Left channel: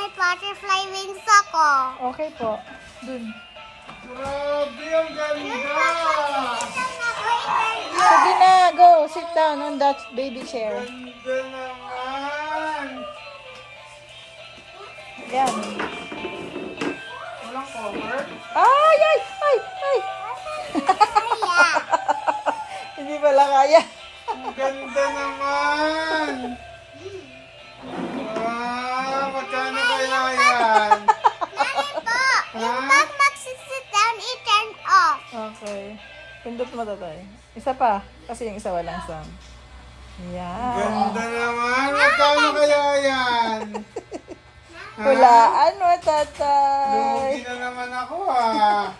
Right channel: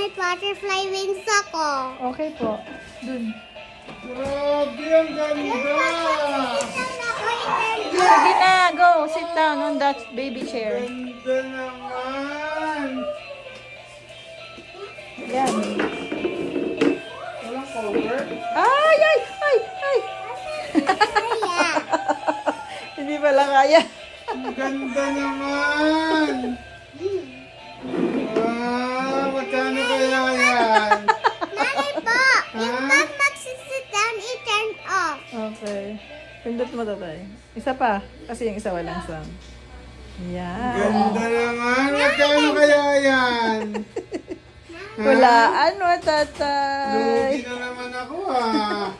may butterfly wings ako. Okay po. Dun. Grabe, ang ganda! Sige na, go. Sit down on that baby chair. Ganda naman! Yan. Walang cover? Ay, ay, ay, ay. Kaya. Hindi pala kaya. Ang ganda naman! Magkano kaya yan? Mami po, yung pag magsisit down, i-turn off. Okay. Pindot mo tatay. Isa pa. Kasi yung isa walang sound. Yan. Ganda naman! Magkano kaya yan? Hulaan mo, tatay. Lugi na naman ako ah!